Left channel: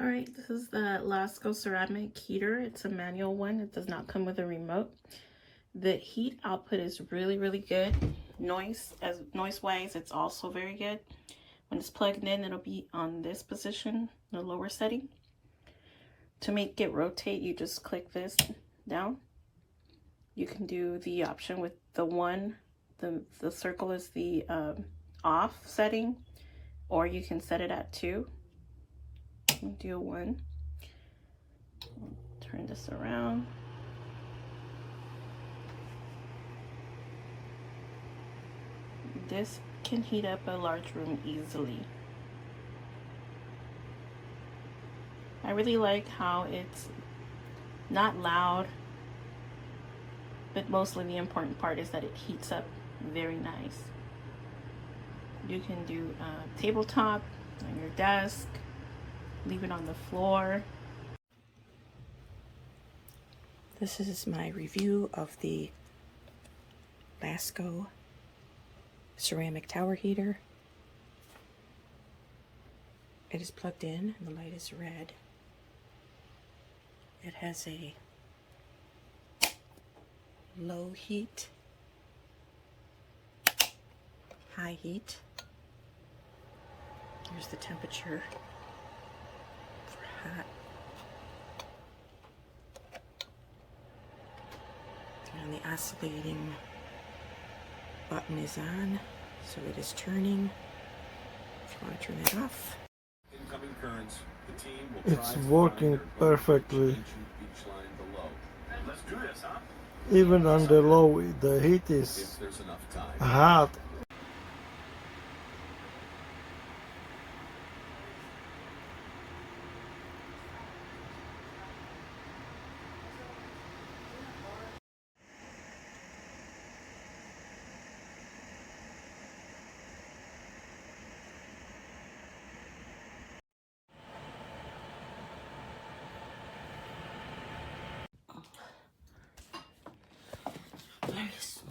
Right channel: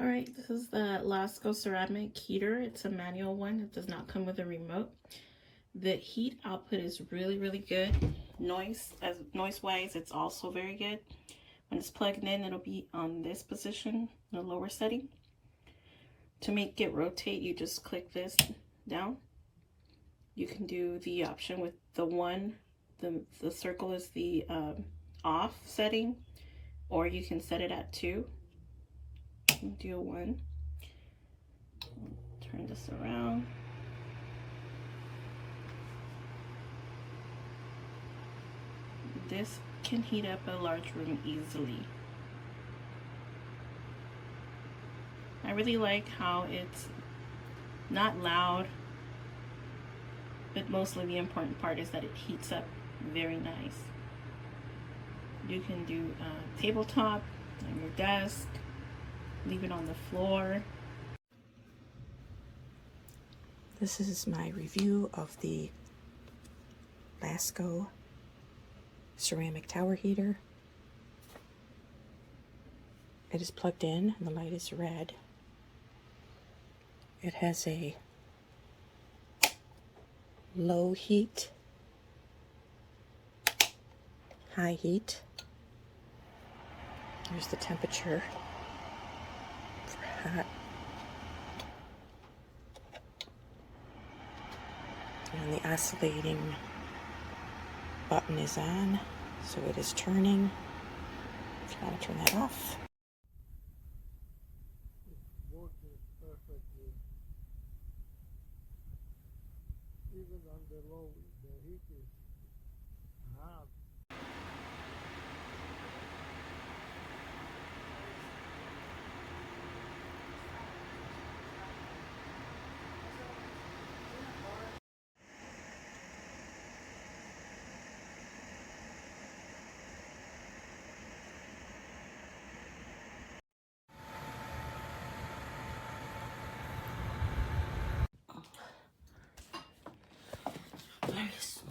All right, this is the Lasko ceramic heater. It's a manual one. It does not come with a remote. The heat output is really good. Noise-wise, it's also very good. When it's plugged in, it'll be on this position, the lower setting. To make it rotate, you just click this down. You can do the option with the one, the circle is the off setting, or you can set it at 2. Do 1. Turn this around. This can heat up a large room easily. I really like how it's not loud, but mostly the important part is that it heats up very nice. You can do tabletop, on your desk, leave it on the floor. This is my review of the Lasko ceramic tower heater. It is plugged in and the light is red. It has a low heat, high heat. There's the temperature. It's hot. And the oscillating button is on, so it is turning. If you want to turn that off. It's working perfectly. Even on the low, the heat is hot. Nice.